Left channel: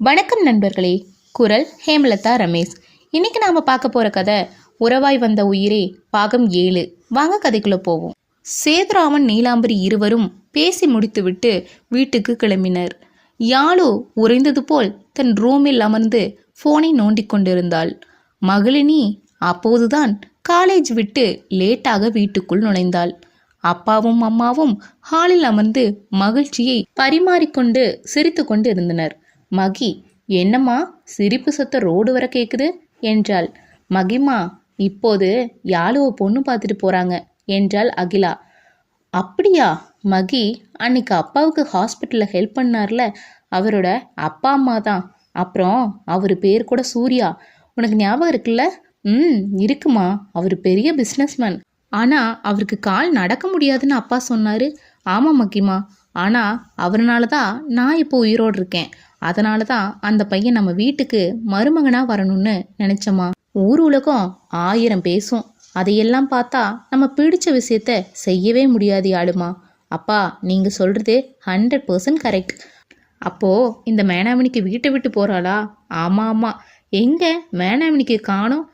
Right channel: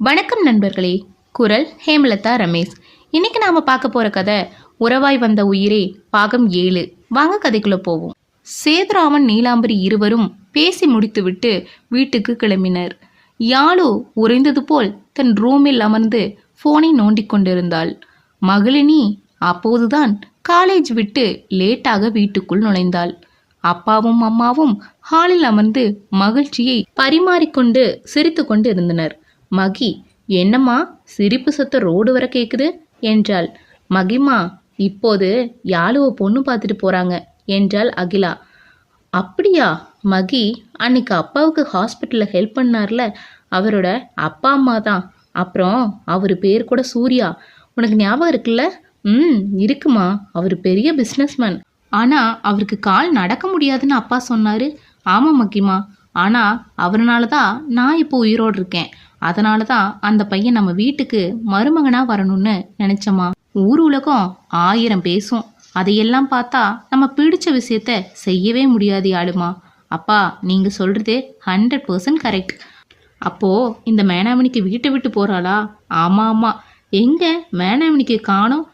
வணக்கம் நண்பர்களே. குரல் ஹேமலதா ரமேஷ். இன்னைக்கு நாம பார்க்க போற கதை உறவாய் வந்த உயிரே பாகம் 7. வாங்க கதைக்குள்ள போவோம். சேதுராமன் நீலாம்பரி இருவரும் பேசி முடித்துவிட்டு வீட்டுக்கு கிளம்பினர். யாழு உறைந்தது போல் தன் ரூமில் அமர்ந்து போனை நோண்டிக் கொண்டிருந்தாள். மகளினி அப்போதுதான் காலேஜ் விட்டு லேட்டாக வீட்டுக்குள் நுழைந்தாள். அப்பாவும் அம்மாவும் ஹாலில் அமர்ந்து மகிழ்ச்சியை பரிமாறிக்கொண்டு சிரித்து கொண்டு இருந்தனர். மகி, என்னம்மா சிரிப்பு சத்தம் ரோடு வர கேக்குது என்றாள். மகிமா, இப்போது யாழுவ பொண்ணு பார்த்துட்டு போறாங்க என்றாள் அகிலா. அப்படியா? மகி, அன்னைக்கு அப்பாவுக்கு ஹாஸ்பிட்டலில் ஹெல்ப் பண்ணார்ல, அவரோட அப்பா அம்மா தான். அப்புறம் அவர் பேர் கூட சூர்யா. உனக்கு ஞாபகம் இருக்குல்ல? இருக்குமா. அவர் பெரிய பிஸ்னஸ்மேன். ஆனா அவருக்கு கால் நடக்க முடியாதுன்னு அப்பா சொன்னாரு. ஆமா மகிமா, ஆனா அவர்னால தான் நான் இப்போ உயிரோடு இருக்கேன். அதனால தான் அந்த பையன் நம்ம வீட்டுக்கு மருமகனா வரணும்னு நினைச்சம்மா. ஊர் உலகம் 1000 பேசும். அதையெல்லாம் பார்த்தா நம்ம பிடிச்ச விஷயத்த செய்யவே முடியாது யாழுமா. அப்பா, நீங்க சொல்றது 100% கரெக்ட். அப்போ இந்த மேனாமணிக்கு வீட்டை விட்டு போறாளா? ஆமா ஆமா. எங்க மேனாமணிக்கு காணோம்?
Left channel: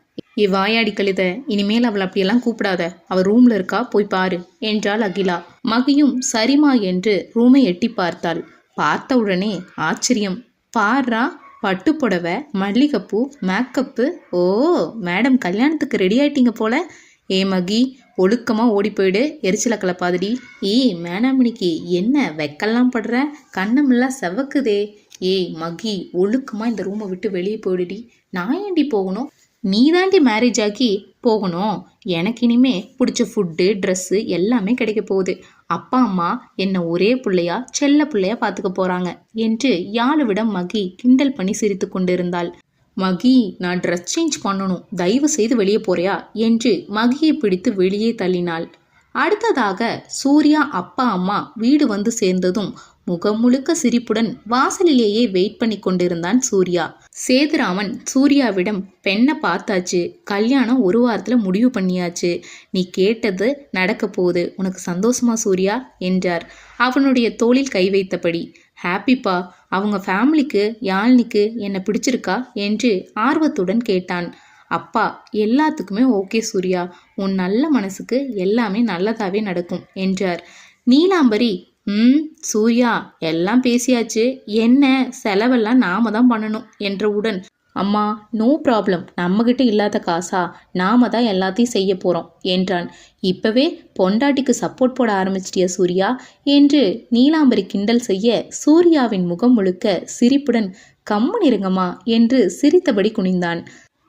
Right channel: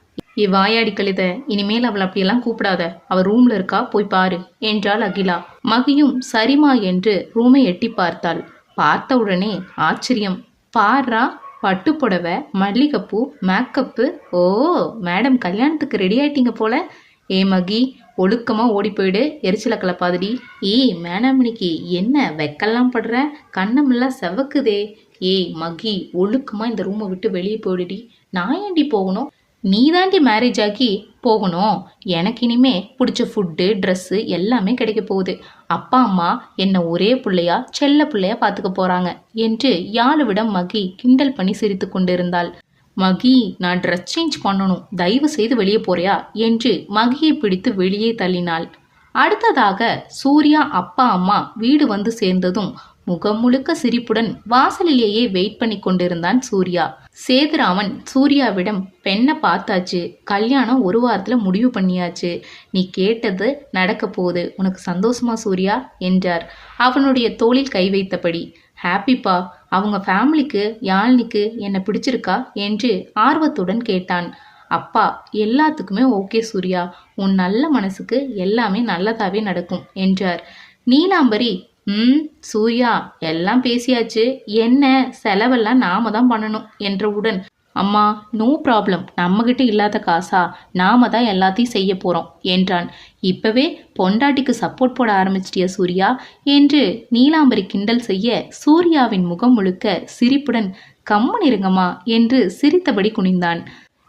வாயாடி கழுத, இனிமேல் அவள் அப்படியெல்லாம் கூப்பிடாத. அவள் ரூம்ல இருக்கா, போய் பாரு என்றாள் அகிலா. மகியும் சரிமா என்று ரூமை எட்டி பார்த்தாள். பார்த்த உடனே ஆச்சரியம். பாரா, பட்டு புடவை, மல்லிகைப்பூ, மேக்கப்பு. ஓ, மேடம் கல்யாணத்துக்கு ரெடி ஆயிட்டீங்க போல. ஏ மகி, ஒழுக்கமா ஓடி போயிடு, எரிச்சல கலப்பாதடி. மேனாமணிக்கு என்ன வெக்கெல்லாம் படுற? கண்ணமெல்லாம் செவக்குதே. ஏய் மகி, ஒழுக்கமா இந்த ரூமை விட்டு வெளியே போயிடுடி. நான் ஏண்டி போகணும்? நீ தாண்டி மேரேஜ் ஆகி போகணும். எனக்கு இனிமே பிடிச்ச ஃபுட்டு, ட்ரெஸ்ஸு எல்லாமே கிடைக்க போகுது. அப்பா அம்மா என்னை ஒரே பிள்ளையா செல்ல பிள்ளையா பார்த்துக்க போறாங்க என்று யாழுவிடம் மகி கிண்டல் பண்ணி சிரித்து கொண்டிருந்தாள். மகி, நான் ட்ரெஸ் சேஞ்ச் பண்ணணும், தயவு செய்து வெளியே போறியா என்று மகியை பிடித்து வெளியே தள்ளினாள். அடுத்ததாக சூர்யா அப்பா அம்மா வீடு வந்து சேர்ந்ததும் முகம் முழுக்க சிரிப்புடன் வாசலிலேயே வெயிட் பண்ணி கொண்டிருந்தான் சூர்யா. சேதுராமன் சூர்யாவிடம், பெண்ணை பார்த்தாச்சு, கல்யாணம் 1 வாரத்துல முடிவு பண்ணியாச்சு, நீ கேட்டது நடக்க போகுது, உனக்கு சந்தோஷமா சூர்யா என்றார் அவனுடைய தோளில் கை வைத்தபடி. ஹாப்பிப்பா. அவங்க ஃபேமிலிக்கு யாழ்னிக்கு என்ன பிடிச்சிருக்கா என்று ஆர்வத்துடன் கேட்டான். அப்பா, எல்லாத்துக்குமே ஓகே சூர்யா, உன் நல்ல மனசுக்கு எல்லாமே நல்லதாவே நடக்கும் என்றார். நீலாம்பரி, சூர்யா, எல்லாம் பேசியாச்சு, என்ன செலவெல்லாம் நாம தான் பண்ணணும் என்றவுடன், அம்மா நோ ப்ராப்ளம், நம்மகிட்ட இல்லாத காசா, நாம தான் எல்லாத்தையும் செய்ய போறோம் என்றான். இப்பவே பொண்டாட்டிக்கு சப்போர்ட் போட ஆரம்பிச்சிட்டியா சூர்யா என்று நீலாம்பரி கிண்டல் செய்ய சூர்யாவின் முகம் முழுக்க சிரிப்புடன், கம்முன்னு இருங்கம்மா என்று சிரித்தபடி குனிந்தான்.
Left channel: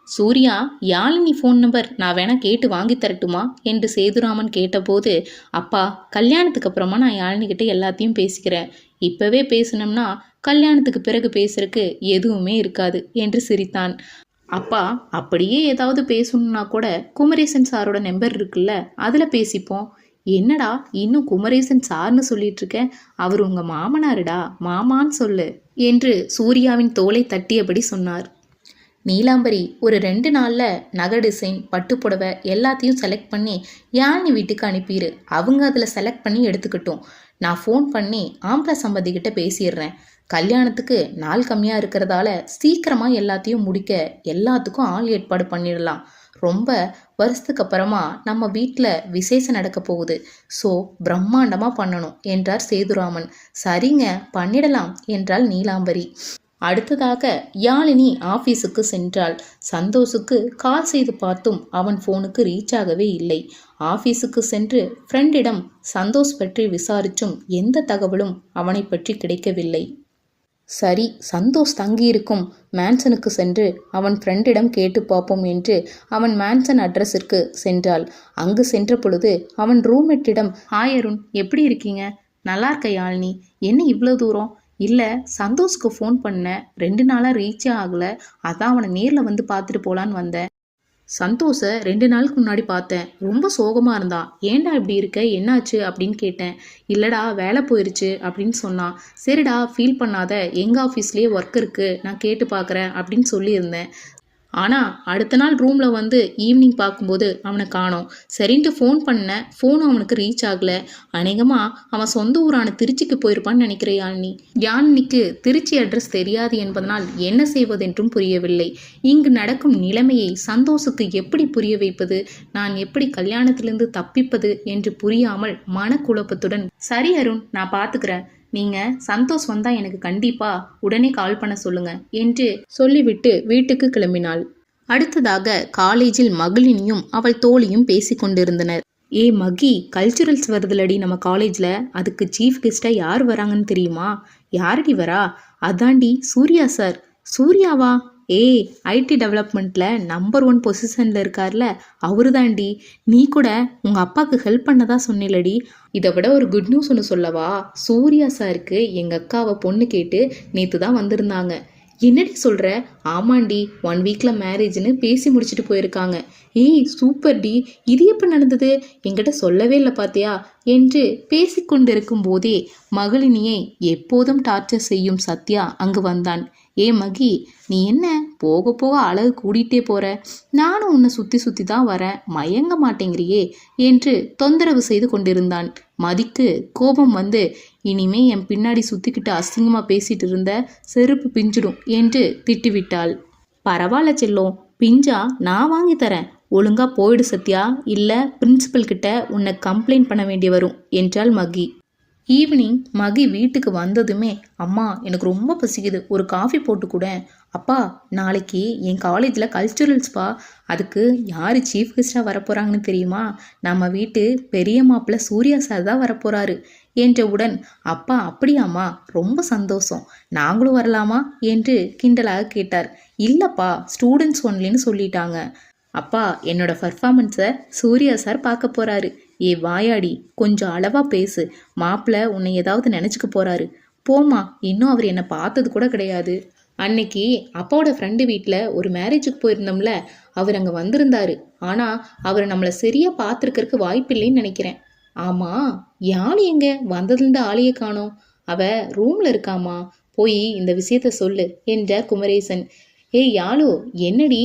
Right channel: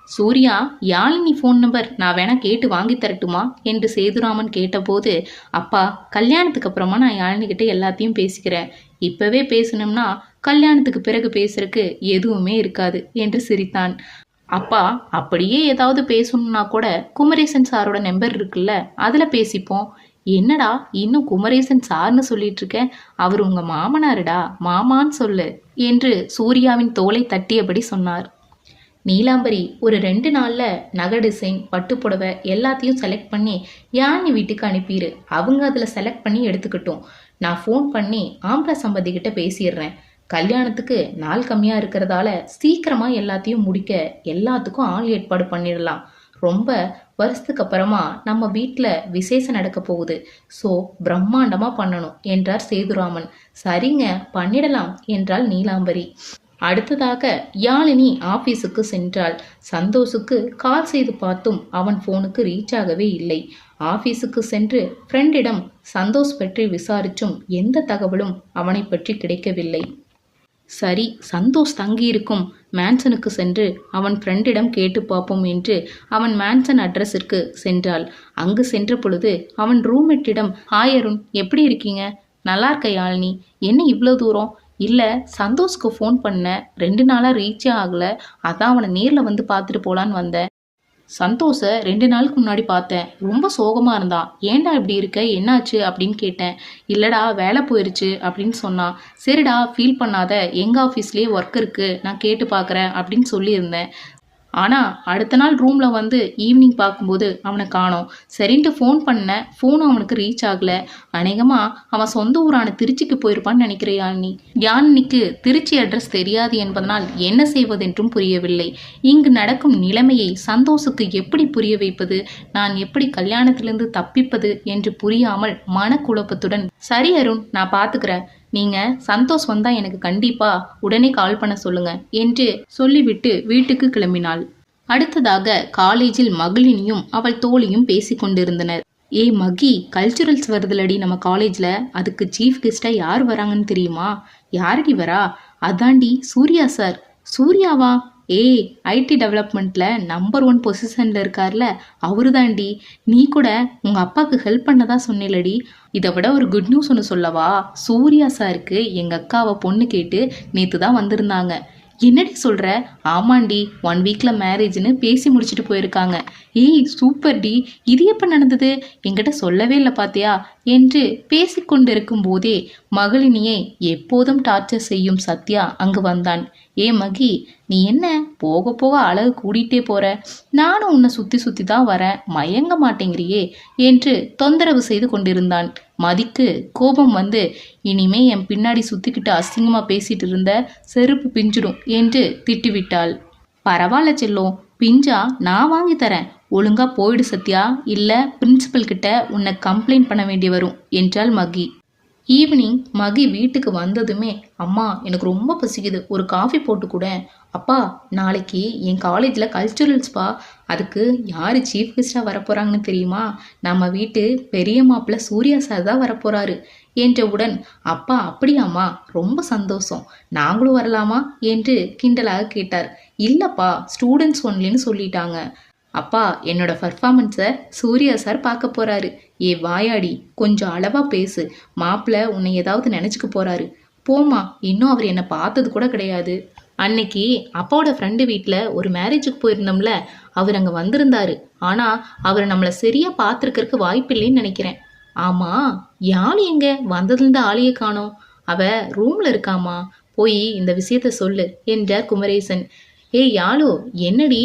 சூர்யா, யாழினி ஃபோன் நம்பர் நான் வேணா கேட்டு வாங்கி தரட்டுமா என்று சேதுராமன் கேட்டபோது, அப்பா, கல்யாணத்துக்கு அப்புறமா நான் யாழினிக்கிட்ட எல்லாத்தையும் பேசிக்கிறேன். இப்பவே பேசணும்னா கல்யாணத்துக்கு பிறகு பேசுறதுக்கு எதுவுமே இருக்காது என்று சிரித்தான். அப்பா, அப்படியே ஏதாவது பேசணும்னா கூட குமரேசன் சாரோட நம்பர் இருக்குல்ல, அதில் பேசிப்போம். என்னடா இன்னும் குமரேசன் சார்னு சொல்லிட்டு இருக்கேன், அவர் உங்க மாமனாருடா, மாமான்னு சொல்லு என்று சூர்யாவின் தோலை தட்டியபடி சொன்னார். நீலாம்பரி, ஒரு 2 நாளில் நகை டிசைன், பட்டுப்புடவை எல்லாத்தையும் செலக்ட் பண்ணி யாழ்னி வீட்டுக்கு அனுப்பிடு. அவங்க அதில் செலக்ட் பண்ணி எடுத்துக்கிட்டோம். நான் ஃபோன் பண்ணி ஆம்பளை சம்பந்திக்கிட்ட பேசிடுறேன். கல்யாணத்துக்கு நாள் கம்மியாக இருக்கிறதால சீக்கிரமாக எல்லாத்தையும் முடிக்க எல்லாத்துக்கும் ஆள் ஏற்பாடு பண்ணிடலாம். ரொம்ப வருஷத்துக்கு அப்புறமா நம்ம வீட்டில் விசேஷம் நடக்க போகுது. ஸோ பிரம்மாண்டமாக பண்ணணும் என்றார் சேதுராமன். சரிங்க, பண்ணிடலாம் என்றாள் நீலாம்பரி. அடுத்ததாக யாழினி ஆபீஸுக்கு சென்றாள். சந்தோஷுக்கு கால் செய்து பார்த்தும் அவன் போனுக்கு ரீச் ஆகவே இல்லை. ஆபீஸுக்கு சென்று ஃப்ரெண்டிடம் சந்தோஷ் பற்றி விசாரிச்சும் எந்த தகவலும் அவனை பற்றி கிடைக்கவில்லை. சரி, சந்தோஷ் தங்கியிருக்கும் மேன்சனுக்கு சென்று அவன் ஃப்ரெண்டிடம் கேட்டு பார்ப்போம் என்று அவன் மேன்சன் அட்ரஸிற்கு சென்றாள். அங்கு சென்ற பொழுது அவன் ரூம்மேட்டிடம், ஹாய் அருண், எப்படி இருக்கீங்க? நல்லா இருக்க யாழினி, என்ன இவ்வளோ தூரம்? இல்லை, சந்தோஷ்க்கு ஃபோன் பண்ணேன், 2 நாளாக ரீச்சே ஆகலை, அதான் அவனை நேரில் வந்து பார்த்துட்டு போகலான்னு வந்தேன். சந்தோஷை 2 நாளுக்கு முன்னாடி பார்த்தேன், ரொம்ப சோகமாக இருந்தான். ஏன்டா இப்படி இருக்க, என்னாச்சு அப்படின்னு கேட்டேன். இல்லைடா, வேலை போயிடுச்சு அப்படின்னு சொன்னான். சரிடா, ஃபீல் பண்ணாத, எங்கள் ஆஃபீஸ்லேயே ஒர்க் இருக்குது, நான் கேட்டு பார்க்குறேன் அப்படின்னு சொல்லியிருந்தேன். ஆனால் அடுத்த நாள் ரூமில் வந்து ஈவினிங் பார்க்கும்போது அவனை காணோம். சரின்ட்டு ஃபோன் பண்ண, ஃபோனும் அவனுக்கு ரீச் ஆகலை. அநேகமாக அவன் சொந்த ஊரான திருச்சிக்கு போயிருப்பான்னு நினைக்கிறேன் யாழினி. யாழினிக்கு திருச்சி அட்ரஸ் தெரியாது என்பதனால் என்ன செய்வதென்றும் புரியவில்லை. இங்கு நடக்கும் நிலைமையை சந்தோஷுக்கு எப்படி புரிய வைப்பது, நான் எப்படி கல்யாணத்திலிருந்து தப்பிப்பது என்று புரியாமல் மனக்குழப்பத்துடன், சரி அருண், நான் பார்த்துக்கிறேன், நீங்கள் சந்தோஷ் வந்தால் எனக்கு கண்டிப்பாக உடனே கால் பண்ண சொல்லுங்க என்று சொல்லிவிட்டு வீட்டுக்கு கிளம்பினாள். அடுத்ததாக காலேஜில் மகளினியும் அவள் தோழியும் பேசி கொண்டிருந்தனர். ஏ மகி, கல்ச்சுரல்ஸ் வருதுலடி நம்ம காலேஜில், அதுக்கு சீஃப் கெஸ்ட்டாக யார் வராங்கன்னு தெரியுமா? யாரடி வரா? அதாண்டி சூர்யா சார். சூர்யாவா? ஏய், ஐடி டெவலப்மெண்ட்டில் நம்பர் 1 பொசிஷனில் இருக்கார்ல, அவரு தாண்டி. நீ கூட உங்கள் அப்பாவுக்கு ஹெல்ப் பண்ணதா சொன்னில்லடி. இதை விட ஒரு குட் நியூஸ் ஒன்று சொல்லவா? சூர்யா சாருக்கு எங்கள் அக்காவை பொண்ணு கேட்டு நேற்று தான் வந்திருந்தாங்க. என்னடி சொல்கிற? ஆமாண்டி, 1 வீக்கில் மேரேஜ்னு பேசி முடிச்சுட்டு போயிருக்காங்க. ஏய் சூப்பர் டி, இது எப்போ நடந்தது? என்கிட்ட சொல்லவே இல்லை பாத்தியா என்று பேசிக்கொண்டிருக்கும் போதே மகளினியை எப்போதும் டார்ச்சர் செய்யும் சத்யா அங்கு வந்தான். ஏ மகி, நீ என்ன போக போக அழகு கூடிட்டே போற? நானும் உன்னை சுற்றி சுற்றி தான் வரேன், மயங்க மாட்டேங்கிறியே என்று தொந்தரவு செய்து கொண்டிருந்தான். மதிக்கு கோபம் வந்து, இனிமே என் பின்னாடி சுற்றிக்கிட்டு அசிங்கமாக பேசிட்டு இருந்த செருப்பு பிஞ்சிடும் என்று திட்டிவிட்டாள். பரவாயில்ல செல்லும், பிஞ்சா நான் வாங்கி தரேன், ஒழுங்கா போயிடு சத்யா, இல்லை பிரின்சிபல் கிட்ட உன்னை கம்ப்ளைண்ட் பண்ண வேண்டி வரும் என்றாள் மகி. ஈவினிங் மகி வீட்டுக்கு வந்ததுமே, அம்மா எனக்கு ரொம்ப பசிக்குது, ஒரு காஃபி போட்டு கூட. அப்பா, நாளைக்கு என் காலேஜில் கல்ச்சுரல்ஸ்பா, அதுக்கு யார் சீஃப் கெஸ்டாக வரப்போகிறாங்கன்னு தெரியுமா? நம்ம வீட்டு பெரிய மாப்பிள்ளை சூர்யா சார் தான் வரப்போகிறாரு என்றவுடன், அப்பா அப்படியாம்மா, ரொம்ப சந்தோஷம், நாங்களும் வரலாமா என்று கிண்டலாக கேட்டார். இல்லைப்பா, ஸ்டூடெண்ட்ஸ் ஒன்லின்னு சொல்லிட்டாங்க. அப்பா, என்னோட பர்ஃபார்மன்ஸை சூர்யா சார் பார்க்க போகிறாரு. ஏ வாயாடி, கொஞ்சம் அளவா பேசு, மாப்பிள்ளை உன்னை ஏதாவது நினச்சிக்க போறாரு. போமா, இன்னும் அவர் என்னை பார்த்தது கூட கிடையாது. அன்னைக்கு அப்பாவோட ஃப்ரெண்டு வீட்டில் ஒரு மேரேஜுக்கு போயிருந்தோம்ல, அவர் அங்கே வந்திருந்தாரு. ஆனால் அவர் நம்மளை சரியாக பார்த்துருக்கறக்கு வாய்ப்பில்லைன்னு நினைக்கிறேன். ஆமாம், யாழ் எங்க? வந்ததுலேருந்து ஆளையே காணோம். அவ ரூமில் இருக்காமா, போய் இந்த விஷயத்த சொல்லு என்றார் குமரேசன். ஏய் யாழு, என்னடி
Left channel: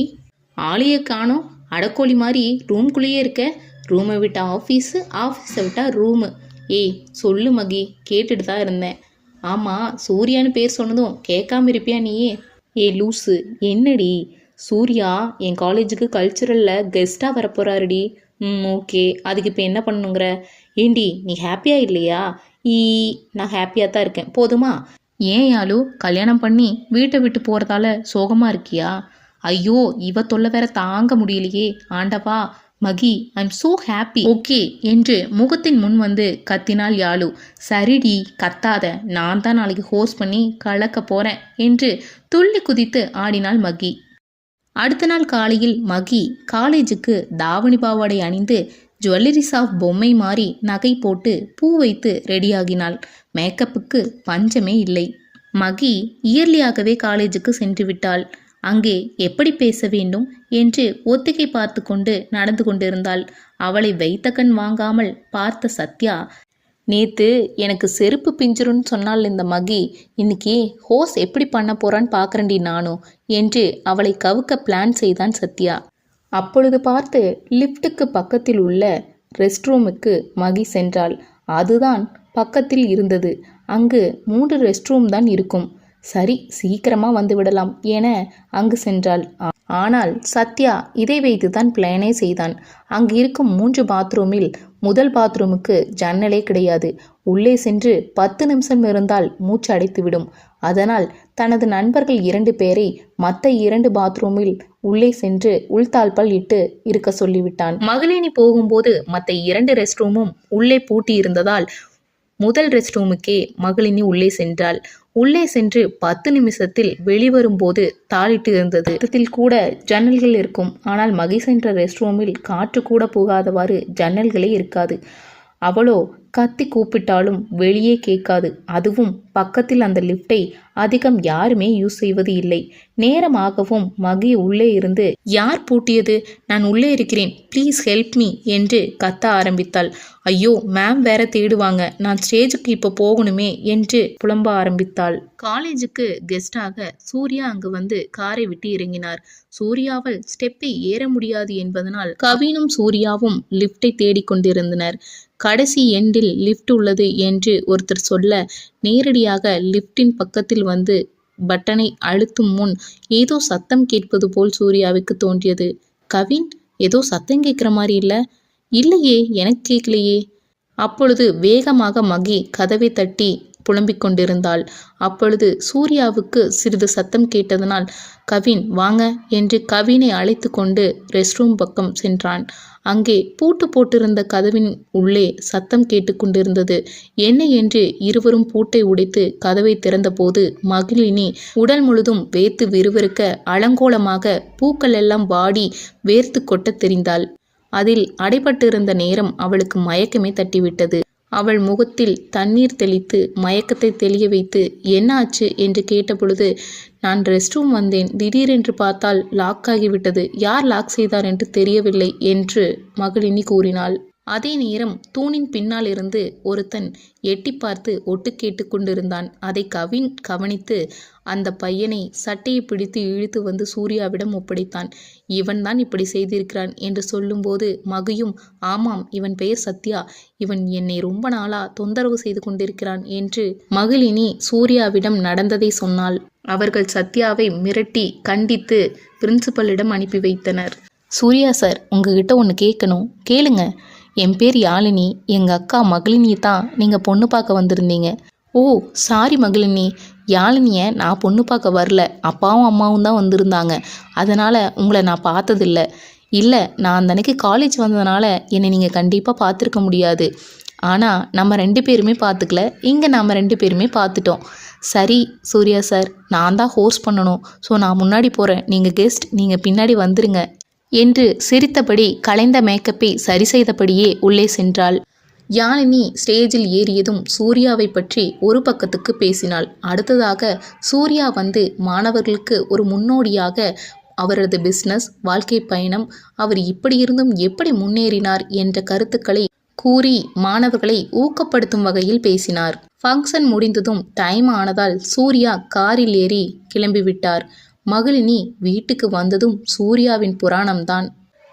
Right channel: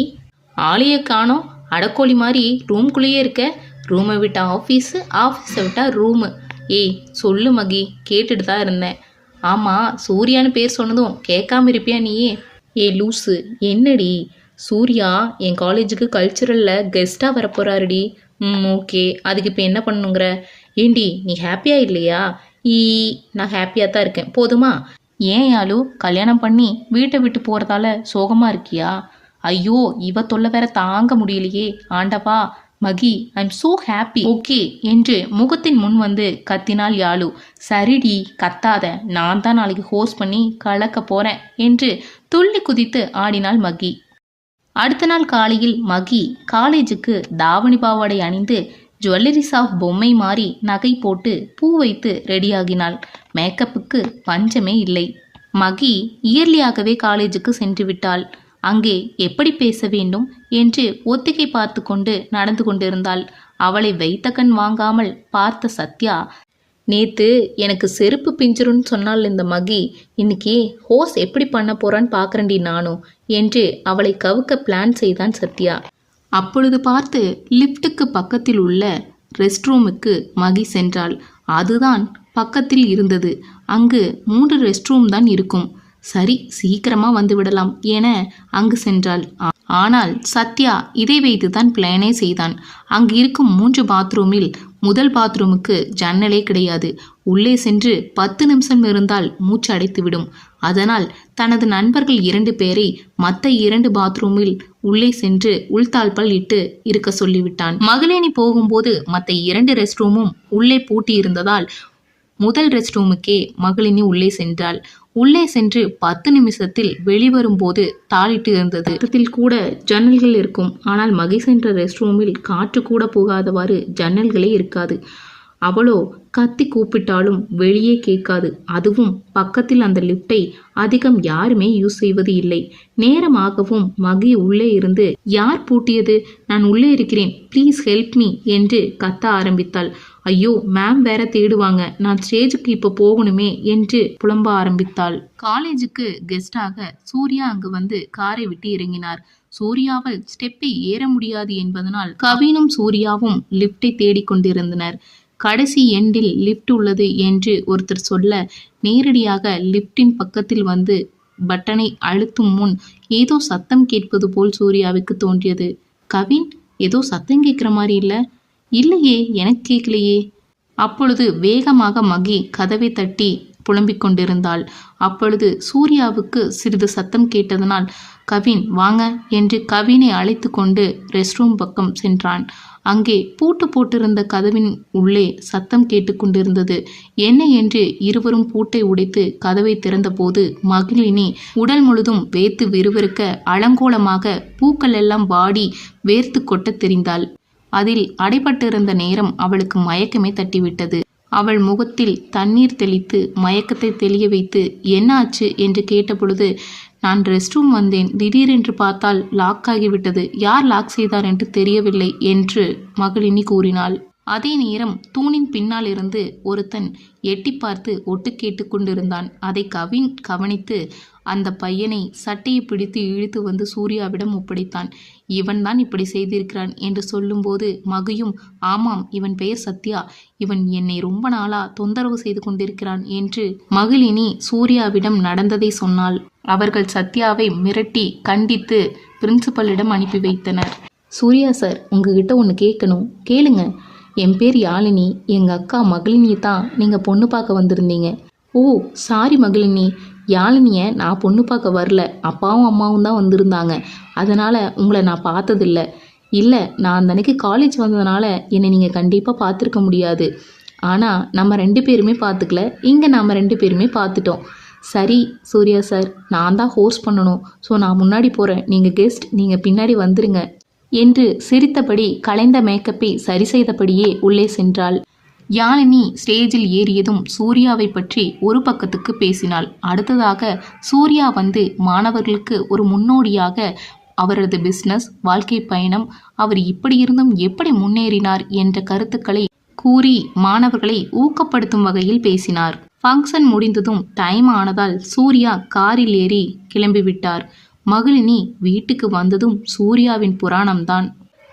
ஆளையே காணோம்? அடக்கோழி மாதிரி ரூம்குள்ளேயே இருக்க. ரூமை விட்டா ஆஃபீஸு, ஆஃபீஸை விட்டா ரூமு. ஏய் சொல்லு மகி, கேட்டுட்டு தான் இருந்தேன். ஆமாம், சூர்யான்னு பேர் சொன்னதும் கேட்காம இருப்பியா நீயே? ஏ லூஸு, என்னடி? சூர்யா என் காலேஜுக்கு கல்ச்சுரலில் கெஸ்ட்டாக வரப்போகிறாருடி. ஓகே, அதுக்கு இப்போ என்ன பண்ணுங்கிற? ஏண்டி நீ ஹாப்பியாக இல்லையா? நான் ஹாப்பியாக தான் இருக்கேன், போதுமா? ஏன் யாழு, கல்யாணம் பண்ணி வீட்டை விட்டு போகிறதால சோகமாக இருக்கியா? ஐயோ, இவ தொல்லை வேற தாங்க முடியலையே ஆண்டவா. மகி, ஐம் சோ ஹாப்பி. ஓகே என்று முகத்தின் முன் வந்து கத்தினாள் யாழு. சரிடி, கத்தாத, நான் தான் நாளைக்கு ஹோஸ்ட் பண்ணி கலக்க போறேன் என்று துள்ளி குதித்து ஆடினாள் மகி. அடுத்த நாள் காலையில் மகி காலேஜுக்கு தாவணி பாவாடை அணிந்து ஜுவல்லரி ஷாப் பொம்மை மாறி நகை போட்டு பூ வைத்து ரெடியாகினாள். மேக்கப்புக்கு பஞ்சமே இல்லை. மகி இயர்லியாகவே காலேஜுக்கு சென்று விட்டாள். அங்கே எப்படி பேச வேண்டும் என்று ஒத்திகை பார்த்து கொண்டு நடந்து கொண்டிருந்தாள். அவளை வைத்த கண் வாங்காமல் பார்த்த சத்யா, நேத்து எனக்கு செருப்பு பிஞ்சிருன்னு சொன்னால் இந்த மகி, இன்னைக்கு ஹோஸ் எப்படி பண்ண போறான்னு பார்க்கறேன்டி நானும் என்று அவளை கவுக்க பிளான் செய்தான் சத்யா. அப்பொழுது பார்த்து லிஃப்ட்டுக்கு பக்கத்தில் உள்ள ரெஸ்ட் ரூமுக்கு மகி சென்றாள். அதுதான் பக்கத்தில் இருந்தது. அங்கு 3 ரெஸ்ட் ரூம் தான் இருக்கும். சரி, சீக்கிரமா வந்து விடலாம் என அங்கு சென்றாள். ஆனால் சத்யா இதை வைத்துதான் பிளானே செய்தான். அங்கு இருக்கும் 3 பாத்ரூமில் முதல் பாத்ரூமுக்கு ஜன்னலே கிடையாது. உள்ளே சென்று 10 நிமிஷம் இருந்தால் மூச்சு அடைத்துவிடும். அதனால் தனது நண்பர்கள் 2 பேரை மற்ற 2 பாத்ரூமில் உள்ளே சென்று உள்தாழ்பால் இட்டு இருக்க சொல்லிவிட்டான். மகளினி போகும்போது மற்ற 2 ரெஸ்ட் ரூமும் உள்ளே பூட்டி இருந்ததால் முதல் ரெஸ்ட் ரூமுக்கே மகளினி உள்ளே சென்றாள். உள்ளே சென்று 10 நிமிஷத்தில் வெளிவரும்போது தாளிட்டு இருந்தது. இடத்தில் கூட ஜன்னல்கள் இருக்கும். ஆனால் மகி சென்ற ரெஸ்ட் ரூமில் காற்று கூட போகாதவாறு ஜன்னல்களே இருக்காது. அவளோ கத்தி கூப்பிட்டாலும் வெளியே கேட்காது. அதுவும் பக்கத்தில் அந்த லிஃப்டை அதிகம் யாருமே யூஸ் செய்வது இல்லை. நேரமாகவும் மகி உள்ளே இருந்து, யார் பூட்டியது? நான் உள்ளே இருக்கிறேன், ப்ளீஸ் ஹெல்ப் மீ என்று கத்த ஆரம்பித்தாள். ஐயோ மேம் வேற தேடுவாங்க, நான் ஸ்டேஜுக்கு இப்போ போகணுமே என்று புலம்ப ஆரம்பித்தாள். காலேஜுக்கு கெஸ்டாக சூர்யா அங்கு வந்து காரை விட்டு இறங்கினார். சூர்யாவால் ஸ்டெப்பை ஏற முடியாது என்பதனால் கவினும் சூர்யாவும் லிஃப்டை தேடிக்கொண்டிருந்தனர். கடைசி எண்டில் லிஃப்ட் உள்ளது என்று ஒருத்தர் சொல்ல, நேரடியாக லிஃப்டின் பக்கத்தில் வந்து பட்டனை அழுத்தும் முன் ஏதோ சத்தம் கேட்பது போல் சூர்யாவுக்கு தோன்றியது. கவின், ஏதோ சத்தம் கேட்குற மாதிரி இல்லையே, எனக்கு கேட்கலையே. அப்பொழுது வேகமாக மகி கதவை தட்டி புலம்பிக் கொண்டிருந்தாள். அப்பொழுது சூர்யாவுக்கு சிறிது சத்தம் கேட்டதனால், கவின் வாங்க என்று கவினை அழைத்து கொண்டு ரெஸ்ட் ரூம் பக்கம் சென்றான். அங்கே பூட்டு போட்டிருந்த கதவின் உள்ளே சத்தம் கேட்டுக்கொண்டிருந்தது. என்ன என்று இருவரும் பூட்டை உடைத்து கதவை திறந்தபோது மகிழினி உடல் முழுதும் வேர்த்து விறுவிறுக்க அலங்கோலமாக பூக்கள் எல்லாம் வாடி வேர்த்து கொட்ட தெரிந்தாள். அதில் அடைபட்டிருந்த நேரம் அவளுக்கு மயக்கமே தட்டிவிட்டது. அவள் முகத்தில் தண்ணீர் தெளித்து மயக்கத்தை தெளிய வைத்து என்ன ஆச்சு என்று கேட்டபொழுது, நான் ரெஸ்ட் ரூம் வந்தேன், திடீரென்று பார்த்தால் லாக் ஆகிவிட்டது, யார் லாக் செய்தார் என்று தெரியவில்லை என்று மகளினி கூறினாள். அதே நேரம் தூணின் பின்னால் இருந்து ஒருத்தன் எட்டி பார்த்து ஒட்டு கேட்டு கொண்டிருந்தான். அதை கவின் கவனித்து அந்த பையனை சட்டையை பிடித்து இழுத்து வந்து சூர்யாவிடம் ஒப்படைத்தான். இவன்தான் இப்படி செய்திருக்கிறான் என்று சொல்லும்போது மகியும், ஆமாம், இவன் பெயர் சத்யா, இவன் என்னை ரொம்ப நாளா தொந்தரவு செய்து கொண்டிருக்கிறான் என்று மகிழினி சூர்யாவிடம் நடந்ததை சொன்னாள். அவர்கள் சத்யாவை மிரட்டி கண்டித்து பிரின்சிபலிடம் அனுப்பி வைத்தனர். சூர்யா சார், உங்ககிட்ட ஒன்று கேட்கணும், கேளுங்க. என் பேர் யாழினி, எங்கள் அக்கா மகளினியை தான் நீங்கள் பொண்ணு பார்க்க வந்திருந்தீங்க. ஓ சாரி மகளினி, யாழினியை நான் பொண்ணு பார்க்க வரல, அப்பாவும் அம்மாவும் தான் வந்திருந்தாங்க, அதனால் உங்களை நான் பார்த்ததில்ல. இல்லை, நான் அந்த அன்னைக்கு காலேஜ் வந்ததுனால என்னை நீங்கள் கண்டிப்பாக பார்த்துருக்க முடியாது. ஆனால் நம்ம 2 பேருமே பார்த்துக்கல, இங்கே நம்ம 2 பேருமே பார்த்துட்டோம். சரி சூர்யா சார், நான் தான் ஹோஸ்ட் பண்ணணும், ஸோ நான் முன்னாடி போகிறேன், நீங்கள் கெஸ்ட், நீங்கள் பின்னாடி வந்துருங்க என்று சிரித்தபடி கலைந்த மேக்கப்பை சரி செய்தபடியே உள்ளே சென்றாள். யாழினி ஸ்டேஜில் ஏறியதும் சூர்யாவை பற்றி ஒரு பக்கத்துக்கு பேசினாள். அடுத்ததாக சூர்யா வந்து மாணவர்களுக்கு ஒரு முன்னோடியாக அவரது பிஸ்னஸ், வாழ்க்கை பயணம், அவர் இப்படி இருந்தும் எப்படி முன்னேறினார் என்ற கருத்துக்களை கூறி மாணவர்களை ஊக்கப்படுத்தும் வகையில் பேசினார். ஃபங்க்ஷன் முடிந்ததும் டைம் ஆனதால் சூர்யா காரில் ஏறி கிளம்பிவிட்டார். மகளினி வீட்டுக்கு வந்ததும் சூர்யாவின் புராணம்தான்.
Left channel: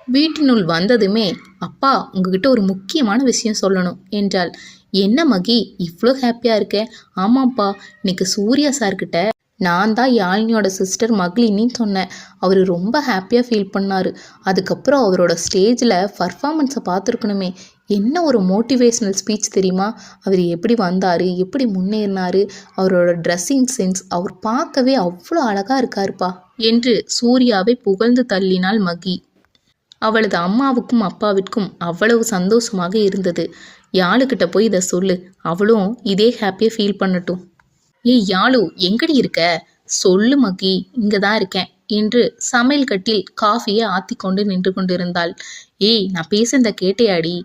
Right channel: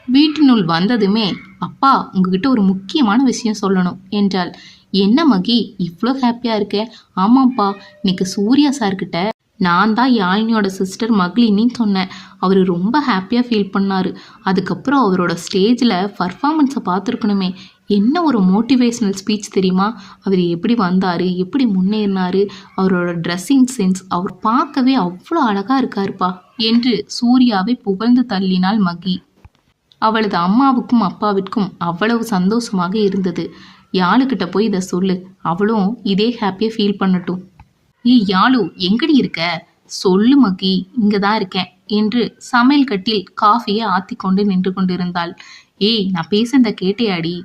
வீட்டினுள் வந்ததுமே, அப்பா உங்ககிட்ட ஒரு முக்கியமான விஷயம் சொல்லணும் என்றாள். என்ன மகி இவ்வளோ ஹாப்பியாக இருக்க? ஆமாப்பா, இன்னைக்கு சூர்யா சார்கிட்ட நான் தான் யாழினியோட சிஸ்டர் மகளினின்னு சொன்னேன். அவர் ரொம்ப ஹாப்பியாக ஃபீல் பண்ணார். அதுக்கப்புறம் அவரோட ஸ்டேஜில் பர்ஃபார்மன்ஸை பார்த்துருக்கணுமே, என்ன ஒரு மோட்டிவேஷ்னல் ஸ்பீச் தெரியுமா? அவர் எப்படி வந்தார், எப்படி முன்னேறினார், அவரோட ட்ரெஸ்ஸிங் சென்ஸ், அவர் பார்க்கவே அவ்வளோ அழகாக இருக்காருப்பா என்று சூர்யாவை புகழ்ந்து தள்ளினாள் மகி. அவளது அம்மாவுக்கும் அப்பாவிற்கும் அவ்வளவு சந்தோஷமாக இருந்தது. யாழுக்கிட்ட போய் இதை சொல்லு, அவளும் இதே ஹாப்பியாக ஃபீல் பண்ணட்டும். ஏய் யாழு, எங்கடி இருக்க? சொல்லு மகி, இங்கே தான் இருக்கேன் என்று சமையல் கட்டில் காஃபியை ஆற்றி கொண்டு நின்று கொண்டிருந்தாள். ஏய், நான் பேசுறத கேட்டையாடி?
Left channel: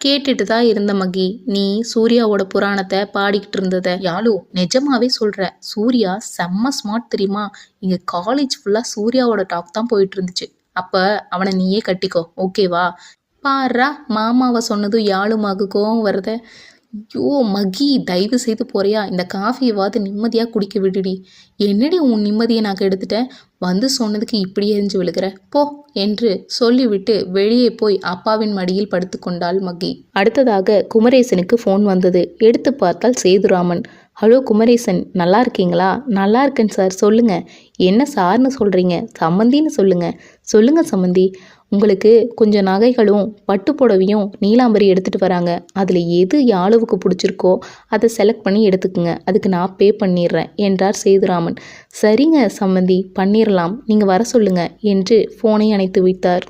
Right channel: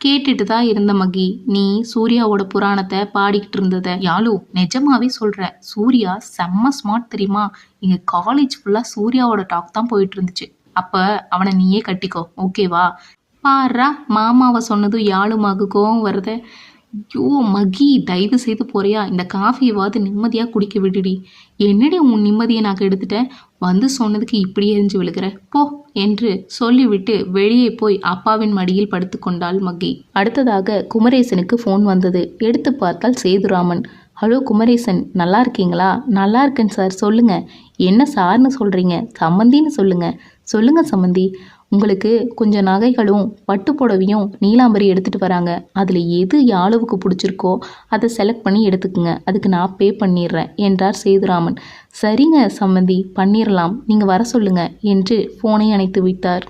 கேட்டுட்டு தான் இருந்த மகி, நீ சூர்யாவோட புராணத்தை பாடிக்கிட்டு இருந்தத. யாழு, நிஜமாவே சொல்கிற, சூர்யா செம்ம ஸ்மார்ட் தெரியுமா? இங்கே காலேஜ் ஃபுல்லாக சூர்யாவோட டாக் தான் போயிட்டு இருந்துச்சு. அப்போ அவனை நீயே கட்டிக்கோ, ஓகேவா? பாரா, மாமாவை சொன்னதும் யாழுமாகு கோவம் வருத. ஐயோ மகி, தயவு செய்து போறியா? இந்த காஃபியவாது நிம்மதியாக குடிக்க விடுடி. என்னடி உன் நிம்மதியை நான் எடுத்துட்டேன்? வந்து சொன்னதுக்கு இப்படி எரிஞ்சு விழுகிற போ என்று சொல்லிவிட்டு வெளியே போய் அப்பாவின் மடியில் படுத்து கொண்டாள் மகி. அடுத்ததாக குமரேசனுக்கு ஃபோன் வந்தது. எடுத்து பார்த்தால் சேதுராமன். ஹலோ குமரேசன், நல்லா இருக்கீங்களா? நல்லா இருக்கேன் சார், சொல்லுங்கள். என்ன சார்னு சொல்கிறீங்க? சம்மந்தின்னு சொல்லுங்கள் சம்மந்தி. உங்களுக்கு கொஞ்சம் நகைகளும் பட்டு புடவையும் நீலாம்பரி எடுத்துகிட்டு வராங்க. அதில் எது யாழுவுக்கு பிடிச்சிருக்கோ அதை செலக்ட் பண்ணி எடுத்துக்குங்க, அதுக்கு நான் பே பண்ணிடுறேன் என்றார் சேதுராமன். சரிங்க சம்மந்தி, பண்ணிடலாம், நீங்கள் வர சொல்லுங்க என்று ஃபோனை அணைத்து வைத்தார்.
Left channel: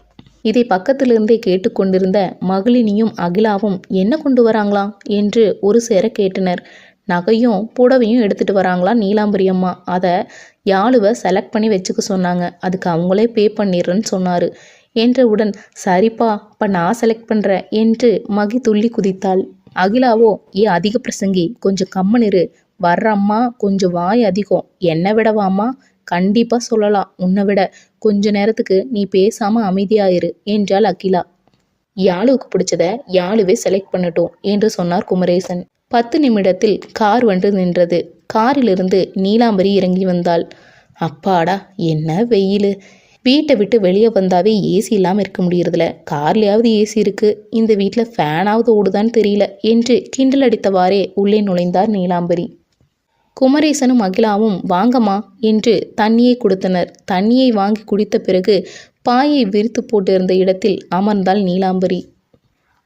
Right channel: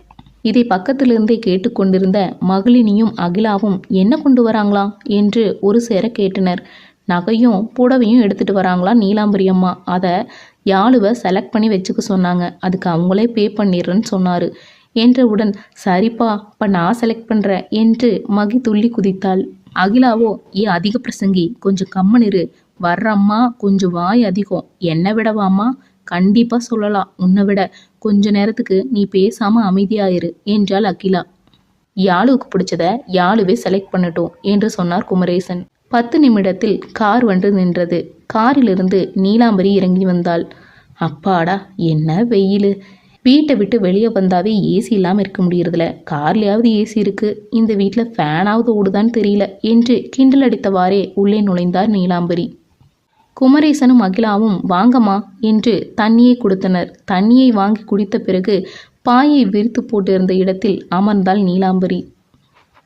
இதை பக்கத்திலிருந்தே கேட்டுக்கொண்டிருந்த மகளினியும் அகிலாவும் என்ன கொண்டு வராங்களாம் என்று ஒரு சேர கேட்டனர். நகையும் புடவையும் எடுத்துகிட்டு வராங்களா நீலாம்பரி அம்மா, அதை யாழுவை செலக்ட் பண்ணி வச்சுக்க சொன்னாங்க, அதுக்கு அவங்களே பே பண்ணிடுறேன்னு சொன்னார் என்றவுடன், சரிப்பா, இப்போ நான் செலக்ட் பண்ணுறேன் என்று மகி துள்ளி குதித்தாள். அகிலாவோ, அதிக பிரசங்கி, கொஞ்சம் கம்மனிரு, வர்ற அம்மா கொஞ்சம் வாய் அதிகம். என்னை விடவாம்மா? கண்டிப்பாக சொல்லலாம். உன்னை விட. கொஞ்ச நேரத்துக்கு நீ பேசாமல் அமைதியாயிரு என்றாள் அகிலா. யாழுவுக்கு பிடிச்சத யாழுவே செலக்ட் பண்ணட்டும் என்று சொன்னார் குமரேசன். 10 நிமிடத்தில் கார் வந்து நின்றது. காரிலிருந்து நீலாம்பரி இறங்கி வந்தாள். அப்பாடா, என்ன வெயில்! வீட்டை விட்டு வெளியே வந்தாவே ஏசி இல்லாமல் இருக்க முடியறதில்ல. கார்லையாவது ஏசி இருக்கு, இந்த வீட்டில் ஃபேனாவது ஓடுதான்னு தெரியல என்று கிண்டல் அடித்தவாறே உள்ளே நுழைந்தார் நீலாம்பரி. குமரேசனும் அகிலாவும் வாங்கம்மா என்று தண்ணியை கொடுத்தனர். தண்ணியை வாங்கி குடித்த பிறகு பாயை விரித்து போட்டிருந்த இடத்தில் அமர்ந்தாள் நீலாம்பரி.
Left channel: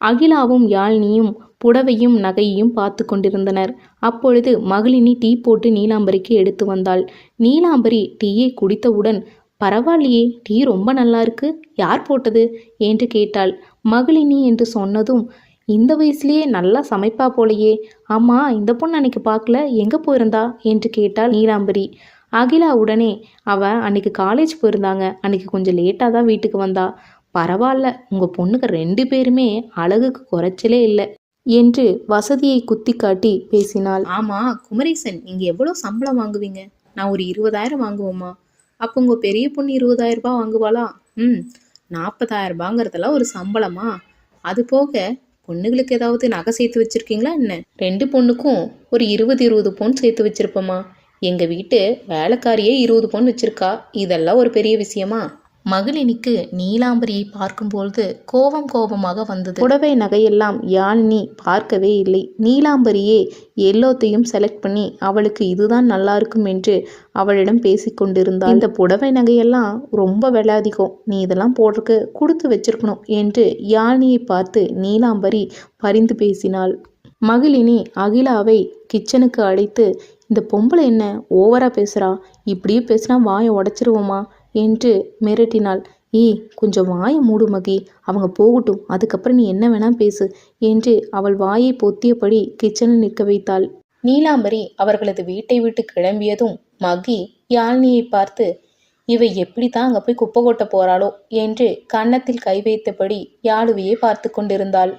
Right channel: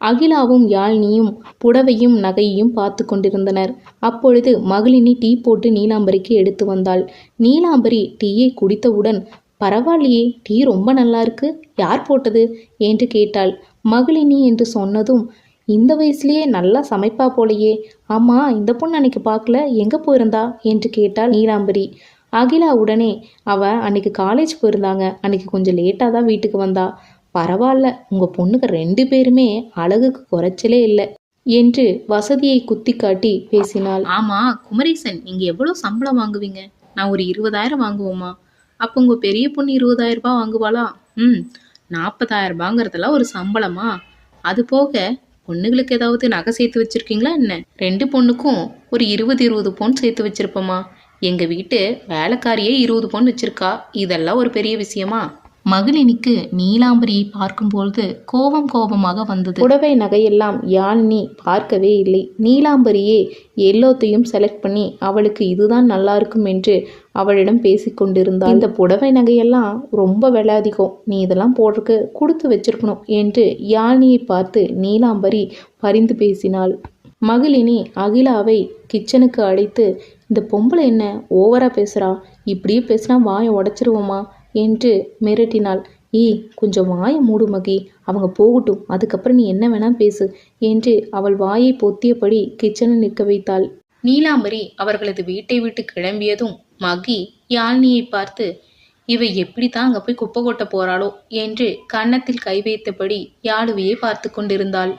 அகிலாவும் யாழினியும் புடவையும் நகையையும் பார்த்து கொண்டிருந்தனர். அப்பொழுது மகளினி டீ போட்டு நீலாம்பரிக்கு எடுத்து வந்தாள். நீலாம்பரி டீயை குடித்தவுடன், பரவாயில்லையே, டீ ரொம்ப நல்லா இருக்கு, யார் போட்டது என்று கேட்டாள். மகளினி என்று சொன்னதும், இந்த வயசுலயே நல்லா சமைப்பா போலையே, ஆமா இந்த பொண்ணு அன்னைக்கு பார்க்கல, எங்கே போயிருந்தா என்று கேட்டாள் நீலாம்பரி. அகிலா உடனே, அவ அன்னைக்கு காலேஜ் போயிருந்தாங்க, அன்னைக்கு கொஞ்சம் லேட்டாக தான் வீட்டுக்கு வந்தா. பரவாயில்ல, உங்கள் பொண்ணுக்கு 2 பேருமே அழகுக்கு குறைச்சலே இல்லை என்று வசதியை குத்தி காட்டி பேசினாள். ஆமாம் குமரேசன், நீங்கள் எவ்வளோ சம்பளம் வாங்குவீங்க? நான் ஒரு 20,000 வாங்குவோமா? அப்போ உங்கள் பெரிய பொண்ணு 20,000 ரூபாய் வாங்குவாளா? 40,000 ரூபாங்கிறதெல்லாம் ஒரு சம்பளமா? அது போக பொண்ணுங்களுக்கு ஏதாவது நகை சேர்த்து வச்சுருக்கீங்களா என்ன? 2 பொண்ணுக்கும் ஒரு 20 பவுன் சேர்த்து வச்சுருப்போமா? எங்கள் வீட்டு வேலைக்காரியே 20 பவுன் வச்சுருக்கா. இதெல்லாம் ஒரு பெரிய விஷயமா? மகளினிக்கு நீலாம்பரியை பார்க்கும்பொழுது கோபமாக வந்தது. புடவை நகையெல்லாம் யாழினி பார்க்கவே இல்லை. நீலாம்பரியே எல்லாத்தையும் செலக்ட் பண்ணி அவளுக்கு இதுதான் நல்லா இருக்கும் என்று அவளிடம் பேசிக்கொண்டிருந்தாள். இந்த புடவை நகையெல்லாம் ரொம்ப விலை அதிகம், நீ இதெல்லாம் போடுறதுக்கு கொடுத்து வச்சிருக்கணும் என்று யாழினியை பார்த்து நீலாம்பரி பரிந்து பேசினாள். மகளினி அகிலாவை கிச்சனுக்கு அழைத்து, இந்த பொம்பளை என்ன ஓவரா பேசுறா, இப்படியே பேசினா வாயை உடைச்சிருவோமா என்று மிரட்டினாள். ஏய், கொஞ்சம் வாயை மூடு மகி, அவங்க போகட்டும், அதுக்கப்புறம் நீ என்ன வேணா பேசு என்று அவள் வாயை பொத்தியபடி கிச்சனில் நிற்க வைத்தாள். நீலாம்பரி அவர்களது வீட்டை விட்டு கிளம்பியதும் மகி யாழினியை பார்த்து, இவை எப்படி தான் அங்கே போய் குப்பை கொட்ட போறாளோ என்று கன்னத்தில் கை வைத்தபடி யாழுவையே பார்த்து கொண்டிருந்தாள்.